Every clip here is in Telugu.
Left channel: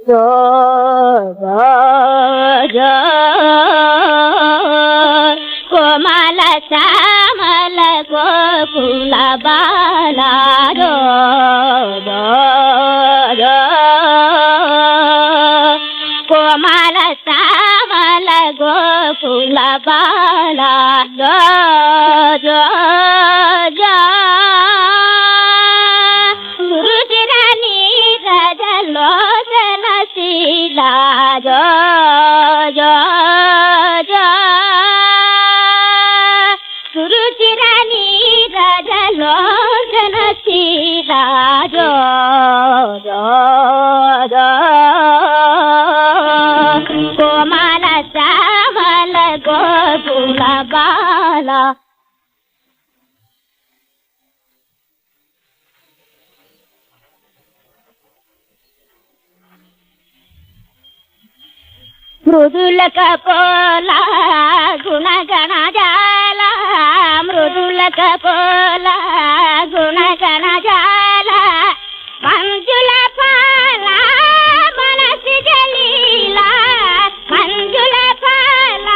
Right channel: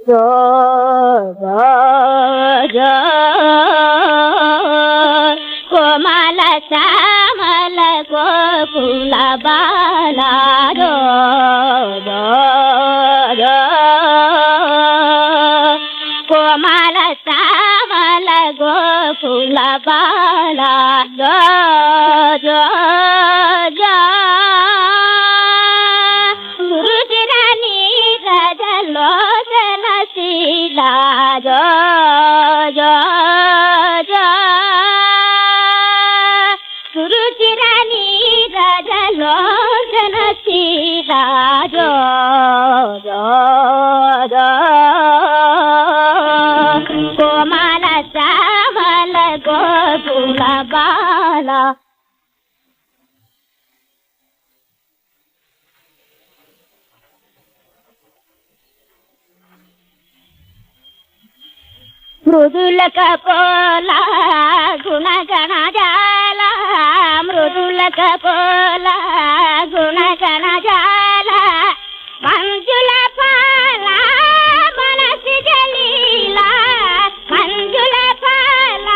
जो जो कोमल श्यामल गोकुल बाला जो कोमल श्यामल गोकुल बाला जो रुचिरानी रजलोचन शीला जो रुचिरानी रजलोचन शीला जो कोमल श्यामल गोकुल बाला మృదుల కపోల గుణగణ జాల మృదుల కపోల గుణగణ జాల మంజుల పాల మనసి జలీల మంజుల పాల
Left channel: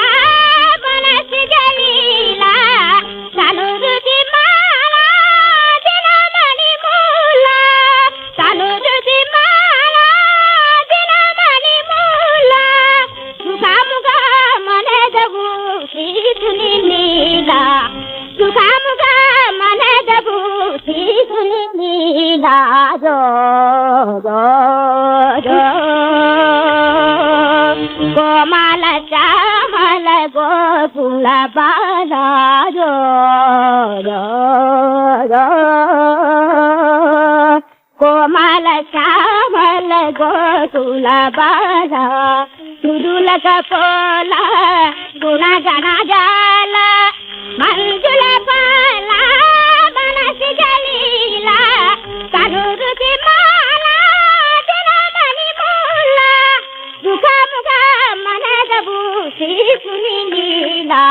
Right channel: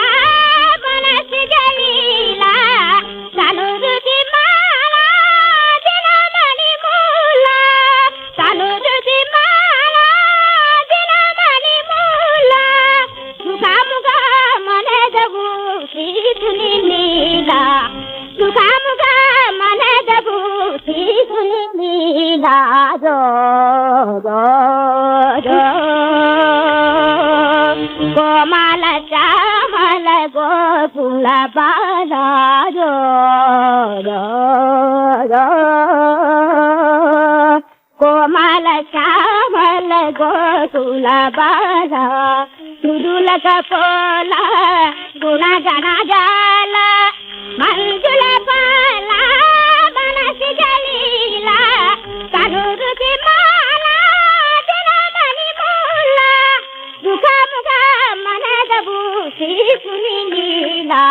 మనసి జలీల తనురుది మాల దినమణి మూల తనురుది మాల దినమణి మూల సుఖముగా మనదవు శ్రీధుని నీలా సుఖముగా మనదవు శ్రీధుని నీలా కోమల శ్యామల గోకుల బాలా కోమల శ్యామల గోకుల బాలా మృదుల కపోల గుణగణ జాల మంజుల పాల మనసి జలీల కనురుది మాల దినమణి మూల సుఖముగా మనదవు శ్రీకుని నీలా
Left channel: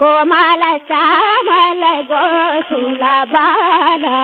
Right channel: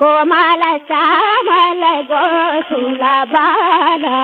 కోమల శ్యామల గోకుల బాలా